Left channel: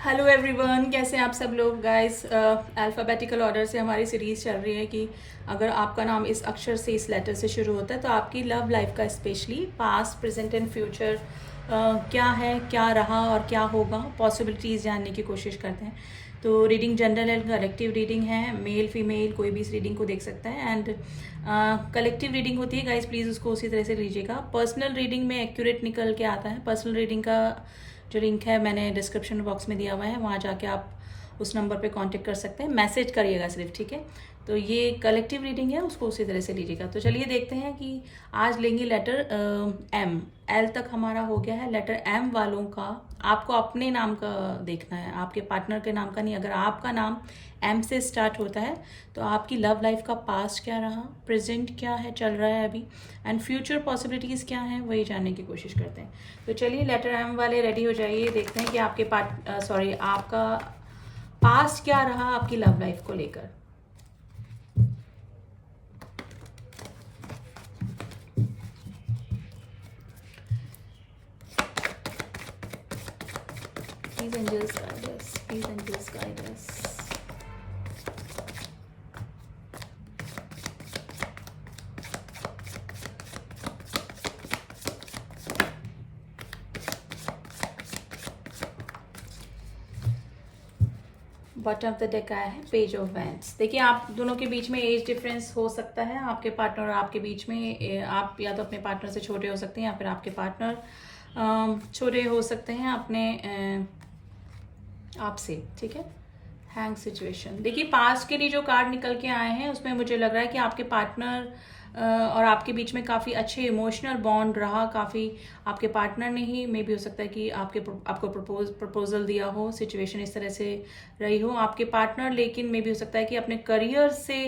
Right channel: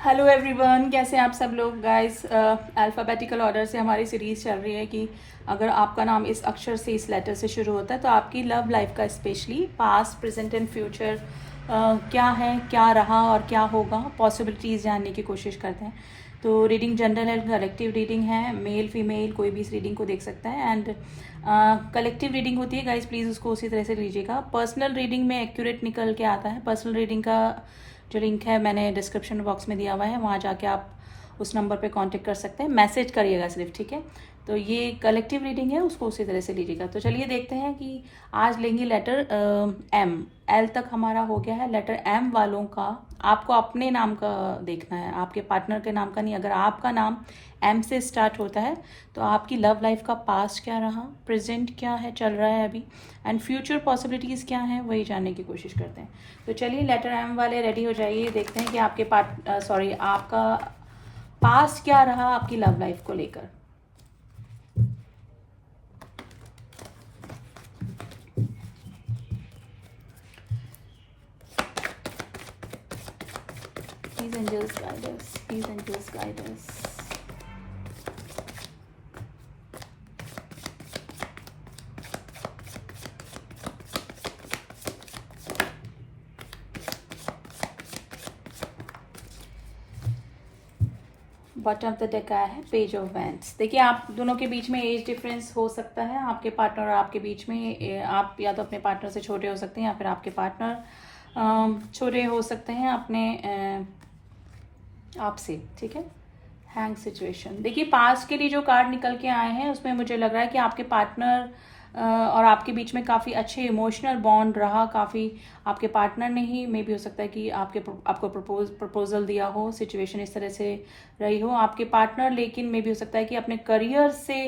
Hello everyone, कैसे हैं आप सब लोग गाइस। अल्फ़ाबेटिकल ऑर्डर से हमारी सीरीज़ चल रही है कि अगर आपका नाम इस अक्षर से, इस लेटर से शुरू होता है तो आपकी लव लाइफ का specially past, present and future क्या है, क्या रहा और क्या होगा, पॉसिबिलिटीज़ जानने की कोशिश करते हैं। तो reading general and collective reading है, मेल फीमेल कोई भी इस रीडिंग को देख सकता है। एंड कलेक्टिव रीडिंग होती है गाइस, प्लीज़ उसको उसी तरह से लीजिएगा। पर्सनल रीडिंग में एक्यूरेट निकल के आता है। पर्सनल रीडिंग का जो लिंक है मैंने डिस्क्रिप्शन बॉक्स में दिया हुआ है, वहाँ जाके आप उस नंबर पे कांटेक्ट कर सकते हैं, मैसेज करिएगा सिर्फ, ठीक है। तो ये कलेक्टिव रीडिंग है, उसको उसी तरह से लीजिएगा। तो चलिए देखते हैं कि आज लेंगे लेटर एम। एल तक हमारा हो गया है। लेटर एम वालों का आपको अपने नाम का देखना है, आपके पार्टनर के नाम का नहीं। अगर आपका नाम एम से स्टार्ट होता है तो आपकी लव लाइफ का पास्ट क्या रहा, प्रेजेंट क्या है, चल रहा है अभी, एंड फ्यूचर पॉसिबिलिटीज़ क्या हैं, वही जानने की कोशिश करते हैं। तो चलिए लेटर एम वाले रेडी हो जाइए, देखते हैं कि आपके आपका पास्ट क्या रहा आपकी लव लाइफ को लेकर। Please angels guide us. Please angels guide us. Bottom of the deck आया है पेज ऑफ वैंड्स। देखिए, आप दोनों के बीच में एज डिफरेंस हो सकता है, आपके पार्टनर और आपके बीच में। आप या तो अपने पार्टनर से छोटे हो सकते हैं या फिर आपके पार्टनर छोटे हो सकते हैं अपने आपसे, ठीक है। हैंग सिचुएशन, देखिए पास्ट के लिए जो कार्ड निकल के आए हैं उसमें मुझे लग रहा है कि आपके पार्टनर और आपके बीच में काफ़ी अच्छे इमोशनल बॉन्ड रहा। काफ़ी आपके पार्टनर ने ही मे भी हो सकता है कि आपको प्रपोजल दिया हो, सिचुएशन इस तरह से रही हो आपके पार्टनर। लेकिन मे भी हो सकता है कि अपने करियर से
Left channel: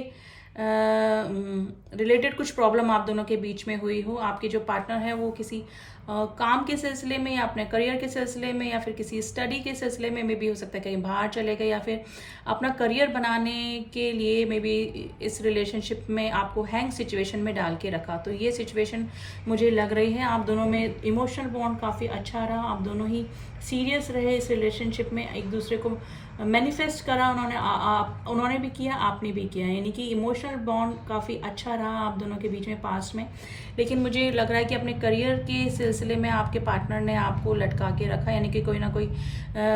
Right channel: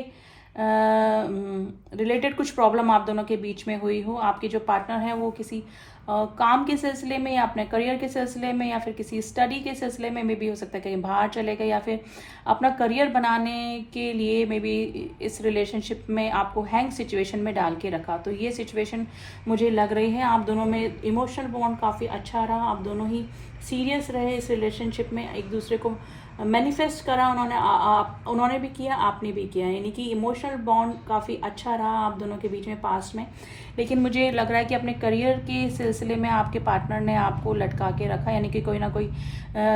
रिलेटेड कुछ प्रॉब्लम आप दोनों के बीच में हुई हो। आपके जो पार्टनर है वो किसी काम के सिलसिले में या अपने करियर के सिलसिले में या फिर किसी स्टडी के सिलसिले में मे भी हो सकता है कहीं बाहर चले गए या फिर अपना करियर बनाने के लिए मे बी इस रिलेशनशिप में आपको हैंग सिचुएशन में डाल के रखा। तो ये सिचुएशन मुझे लग रही है आप दोनों में इमोशनल बॉन्ड काफ़ी अच्छा रहा, आप दोनों ही सीरियस रहे इस रिलेशनशिप में, एक दूसरे को मैनिफेस्ट करा उन्होंने भी किया, आपने भी किया, यानी कि इमोशनल बॉन्ड काफ़ी अच्छा रहा आप दोनों के बीच में पास्ट में। लेकिन मुझे लग रहा है कि अपने करियर के सिलसिले में आपके पार्टनर ने आपको लटका के रखा, यानी कि कोई ना कोई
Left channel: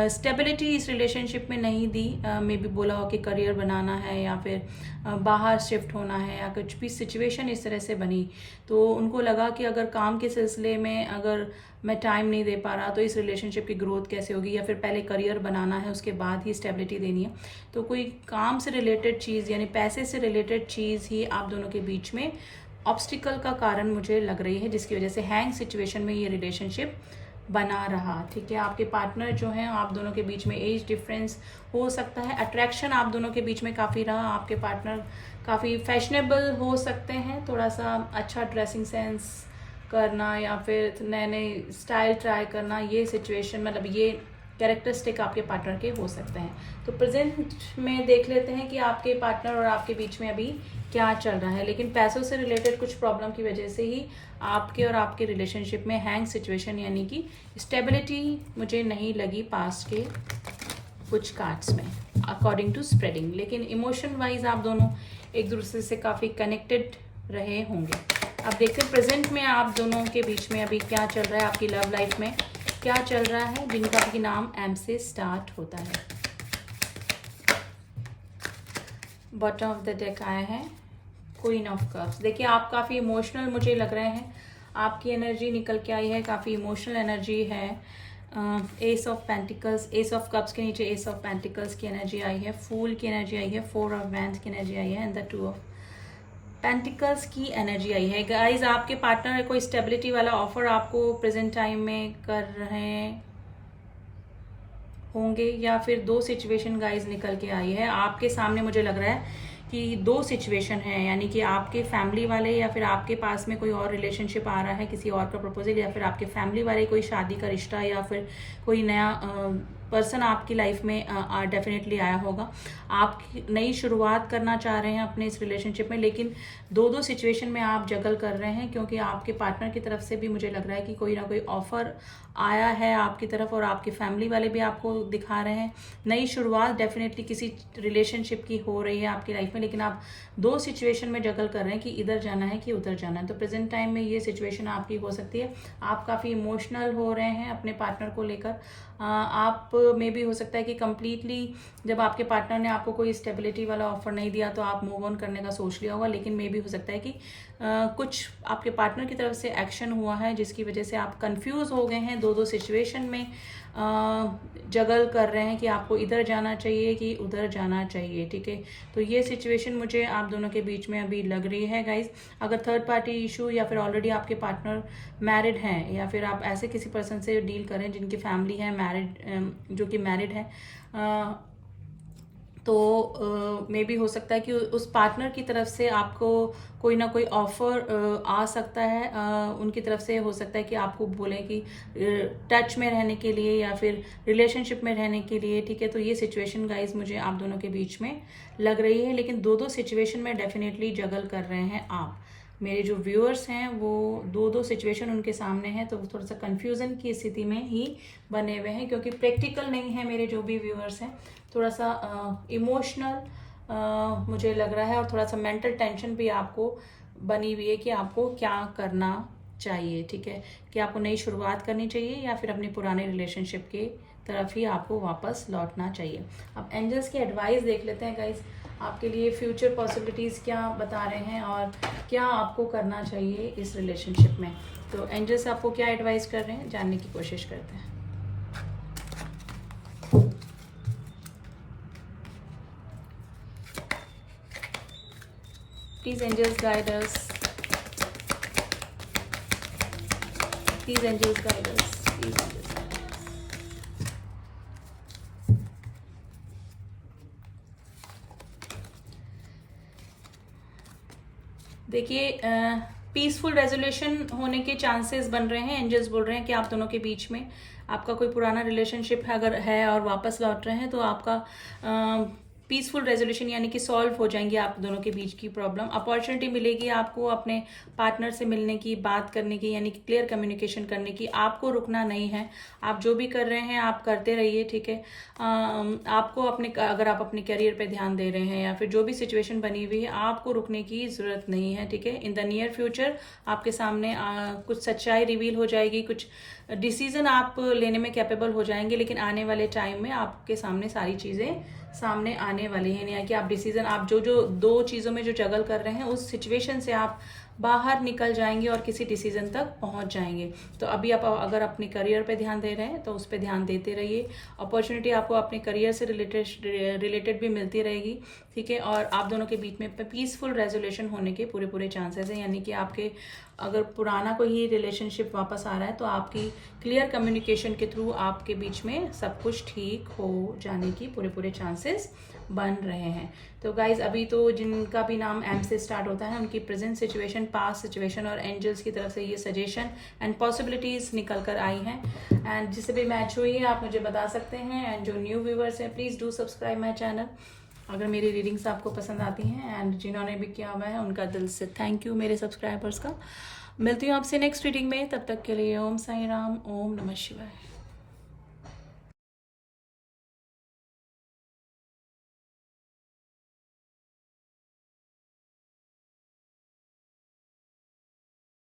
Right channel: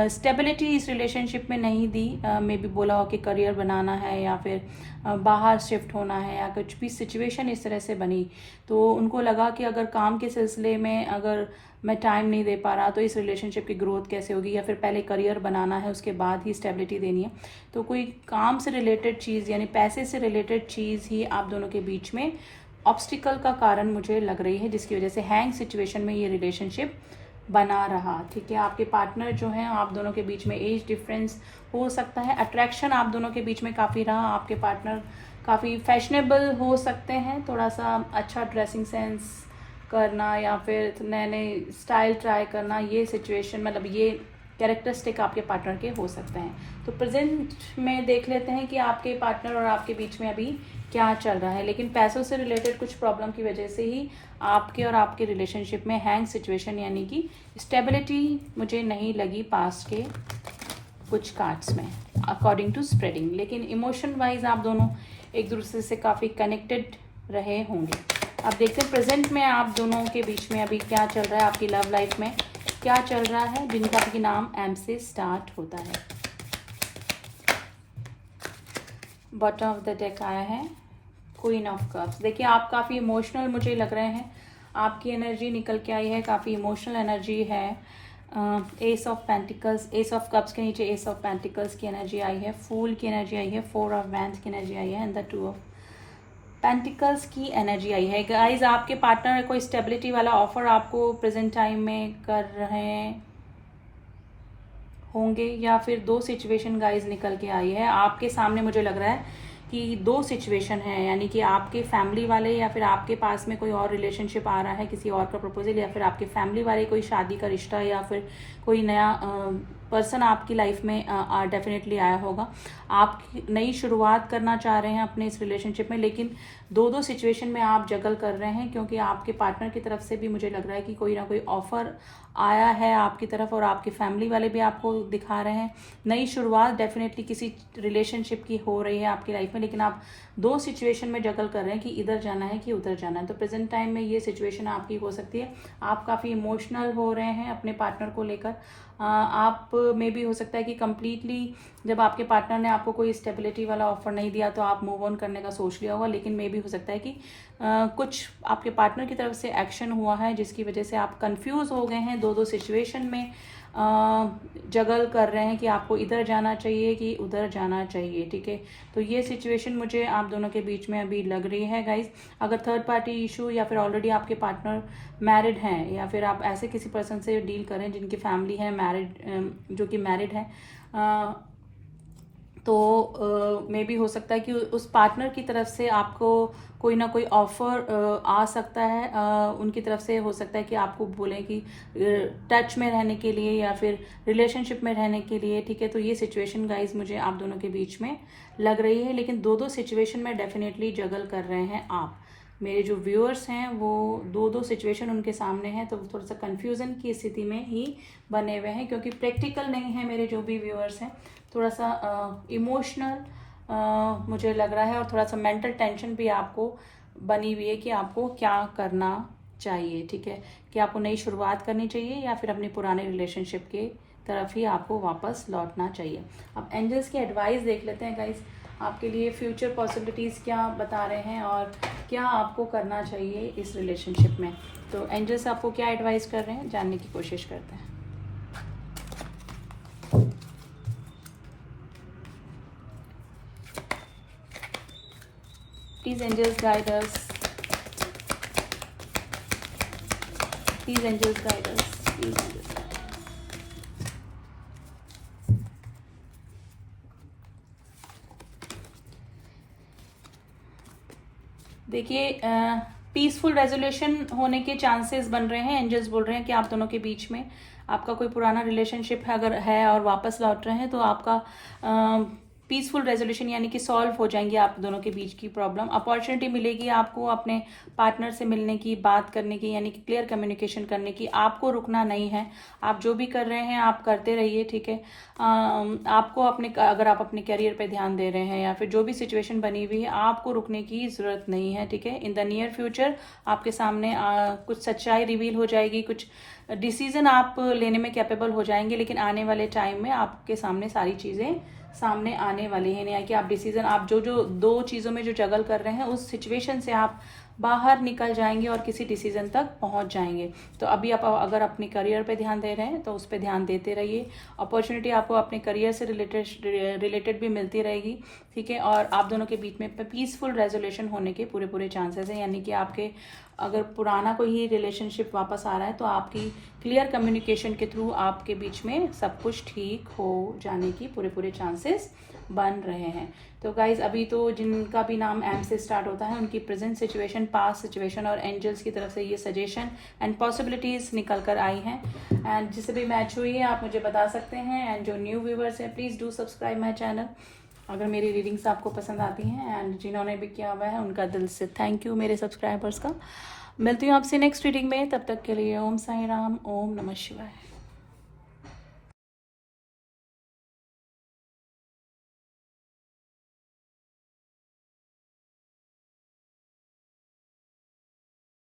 स्टेबिलिटी इस रिलेशनशिप में नहीं दी। मे भी बोला हो कि करियर बनाना है या फिर बाहर शिफ्ट होना है या कुछ भी सिचुएशन इस तरह से बनी, तो उनको लगा कि अगर काम के सिलसिले में अगर मैं टाइम नहीं दे पा रहा तो इस रिलेशनशिप की ग्रोथ कैसे होगी, या फिर पहले करियर बनाना है उसके बाद ही स्टेबिलिटी देनी है। तो कोई काम से रिलेटेड चीज़ यानी पैसे से रिलेटेड चीज़ ही आप दोनों के बीच में ऑब्स्टिकल का कारण मुझे लग रही है, जिसकी वजह से हैंग सिचुएशन में ये रिलेशनशिप बना रहा, ठीक है। आपके पार्टनर जो हैं आप दोनों के बीच में एज डिफरेंस हो सकता है, अट्रैक्शन आप दोनों के बीच में काफ़ी रहा। आपके पार्टनर काफ़ी फैशनेबल हो सकते हैं, थोड़ा सा अच्छा ड्रेसिंग सेंस करना या फिर नए नए स्टाइल ट्राई करना, ये सिचुएशन मतलब ये कैरेक्टरिस्टिक आपके पार्टनर के हो सकते हैं। तो प्रेजेंट में देख लेते हैं कि आपके पार्टनर और आपके बीच में अभी क्या चल रहा है। लेकिन पैसों से रिलेटेड कुछ प्रॉब्लम की वजह से ही आपके और आपके रिलेशनशिप में हैंग सिचुएशन यानी कि स्टेबिलिटी मुझे नहीं लगी पास्ट के कुछ कार्ड्स में अकॉर्डिंग टू स्प्रेडिंग। लेकिन इमोशन वाइज आप दोनों एक दूसरे से काफ़ी कनेक्टेड रहे होंगे। अब देखते हैं प्रेजेंट में आप दोनों के बीच में अभी क्या चल रहा है, आपकी लव लाइफ में क्या चल रहा है जिनका भी नाम एम से स्टार्ट होता है। बॉटम ऑफ द डेक आया है क्वीन ऑफ कप्स। देखिए आप काफ़ी इमोशनल मुझे लग रहे हैं, आपकी एनर्जी निकल के आई है, काफ़ी इमोशनल एनर्जी है। S of pentacles, S of cups के नीचे एस ऑफ पेंटिकल्स की एनर्जी आई है, फूल की एनर्जी आई है, फोर ऑफ वैंड्स की एनर्जी आई है and the two of pentacles की एनर्जी आई है। गाइज आपके पार्टनर कोई स्टेबिलिटी वाला ऑफर आपको प्रेजेंट टाइम में कर रहे होंगे या फिर दो सिचुएशन गाइज निकल के आई है आपके सामने। मुझे लग रहा है कि दो सिचुएशन है, यानी कि आपके फैमिली वाले या फिर आपके पास में कोई और रिलेशनशिप आ रहा है किसी और का प्रपोजल, या फिर आपके फैमिली वाले कोई शादी का रिश्ता या फिर कोई नया पर्सन आपकी लाइफ में डेफिनेटली आया होगा। आप नई शुरुआत करना चाह रहे हैं अपने इस रिलेशनशिप में, लेकिन दो सिचुएशन में आप जगल कर रहे हैं, क्योंकि आपके पार्टनर की तरफ से भी मुझे लग रहा है कि कोई ना कोई ऑफर आया है आपकी तरफ, और आपके फैमिली वाले भी आपको दिखा रहे हैं नई शुरुआत डेफिनेटली किसी रिलेशनशिप की हो रही है आपकी लाइफ में, लेकिन आप दो सिचुएशन में जगल कर रहे हैं कि इधर जाना है कि उधर जाना है। तो प्रेजेंट टाइम में ये सिचुएशन आपकी हो सकती है। आप काफ़ी इमोशनल हो रहे हैं अपने पार्टनर को लेकर। आप में भी हो सकता है कि कंप्लीटली जब आपके पार्टनर ने आपको कोई स्टेबिलिटी वाला ऑफर नहीं दिया तो आप मूव ऑन करने का सोच लिया होगा, लेकिन मे भी हो सकता है कि कुछ आपके पार्टनर की तरफ से एक्शन हुआ है जिसकी वजह से आप कंफ्यूज हो गए हैं, दो सिचुएशन में जगल कर रहे हैं कि आपको इधर जाना चाहिए कि उधर जाना चाहिए। ठीक है, तो ये सिचुएशन मुझे आप दोनों के बीच में अभी लग रही है गाइज। अगर थर्ड पार्टी इशू या फिर ऑलरेडी आपके पार्टनर मैरिड हैं, या फिर आप ऐसे किसी पर्सन से डील करें जिनकी फैमिली है मैरिड, जो कि मैरिड है, तो मे भी हो सकता है कि उस पार्टनर की तरफ से आपको कोई ना कोई ऑफर आ सकता है। उनकी तरफ से हो सकता है कि आपको बोलें कि टच में रहने के लिए या फिर रिलेशनशिप में रहने के लिए। ठीक है, तो ये सिचुएशन गाइज मुझे आप दोनों के बीच में लग रही है, लेकिन दो सिचुएशन में डेफिनेटली जगल कर रहे हैं आप। मेरे जो व्यूअर्स हैं वो दो सिचुएशन उनके सामने हैं, तो थोड़ा सा कंफ्यूजन की स्थिति में ही बने हुए हैं, क्योंकि प्रैक्टिकल नहीं है मेरे जो भी व्यूअर्स हैं। थोड़ा सा इमोशनल मुझे लग रहा है, और थोड़ा सा मेंटल टेंशन भी आपको बनी हुई है कि आपको क्या करना चाहिए। ठीक है, कि आपको नई शुरुआत करनी चाहिए या फिर अपने पुराने रिलेशनशिप के तरफ ही आपको वापस लौटना चाहिए। अब एंजल्स की एडवाइस देख लेते हैं गाइस, आपके लिए फ्यूचर पॉसिबिलिटीज़ क्या बता रहे हैं और क्या आपको करना चाहिए इस रिलेशनशिप में। तो एंजल्स आपको क्या एडवाइस कर रहे हैं जानने की कोशिश करते हैं। Please angels guide us. Please angels guide us. Please angels guide us. देखिए, पीसफुल रेजोल्यूशन होने के चांसेस बन रहे हैं। एंजल्स बोल रहे हैं कि आप दोनों के बीच में आपका कोई पुराना रिलेशनशिप है अगर है और वापस लौट रहे हैं, तो आपका पीसफुल रेजोल्यूशन यानी कि सॉल्व हो जाएंगे आप दोनों के बीच की प्रॉब्लम। अपॉर्चुनिटी मिलेगी आपको अपने पार्टनर से मिलने की, बात करने की, यानी कि क्लियर कम्युनिकेशन करने की। आपको रुकना नहीं है, आप जो भी कर रहे हैं आप करते रहिए। ठीक है, आपको अपने, अगर आप अपने करियर पे ध्यान दे रहे हैं या फिर जो भी सिचुएशन बनी हुई है, आपको रुकने की जरूरत नहीं है। ठीक है, इन द नियर फ्यूचर आपके सामने कुछ सच्चाई रिवील हो जाएगी, कुछ डिसीजन आप लेने में कैपेबल हो जाएंगे, लेकिन आने वाले टाइम में आपके सामने सारी चीजें सामने आने वाली है। यानी कि आप डिसीजन, आप जो दो चीजों में जो जगल कर रहे हैं उस सिचुएशन से आप बाहर निकल जाएंगे और किसी डिसीजन तक पहुंच जाएंगे। तो अभी आप अगर अपने करियर पे ध्यान दे रहे हैं तो उस पर ध्यान देते रहिए। अपॉर्चुनिटी आपको अपने करियर से रिलेटेड भी मिलती रहेगी। ठीक है, और आप दोनों के बीच में पीसफुल रेजोल्यूशन होने के पूरे चांसेस हैं। यानी कि आपके अगर पुराना कोई रिलेशनशिप वापस आ रहा है तो आपकी क्लियर कम्युनिकेशन के थ्रू आपके बीच में सब कुछ ठीक हो जाने की पूरे चांसेस बन रहे हैं। तो गाइज, अभी तो जिनका भी नाम एम से स्टार्ट होता है उनकी प्रेजेंट सिचुएशन, पास्ट सिचुएशन और एंजल्स की तरफ से ये सजेशन एंड पॉसिबिलिटीज निकल कर आई हैं। एंड जिससे भी मैच हुई है आप मुझे बता सकते हैं। एंड जो न्यू व्यूवर्स है please do subscribe my channel अगर मेरी रीडिंग्स आपको पसंद आती हैं। एंड जिन्होंने भी किया हुआ है उनका दिल से थैंक यू मेरे सब्सक्राइबर्स का। मिलती हूँ आपसे नेक्स्ट रीडिंग में, तब तक के लिए ओम साई राम, ओम नमः शिवाय।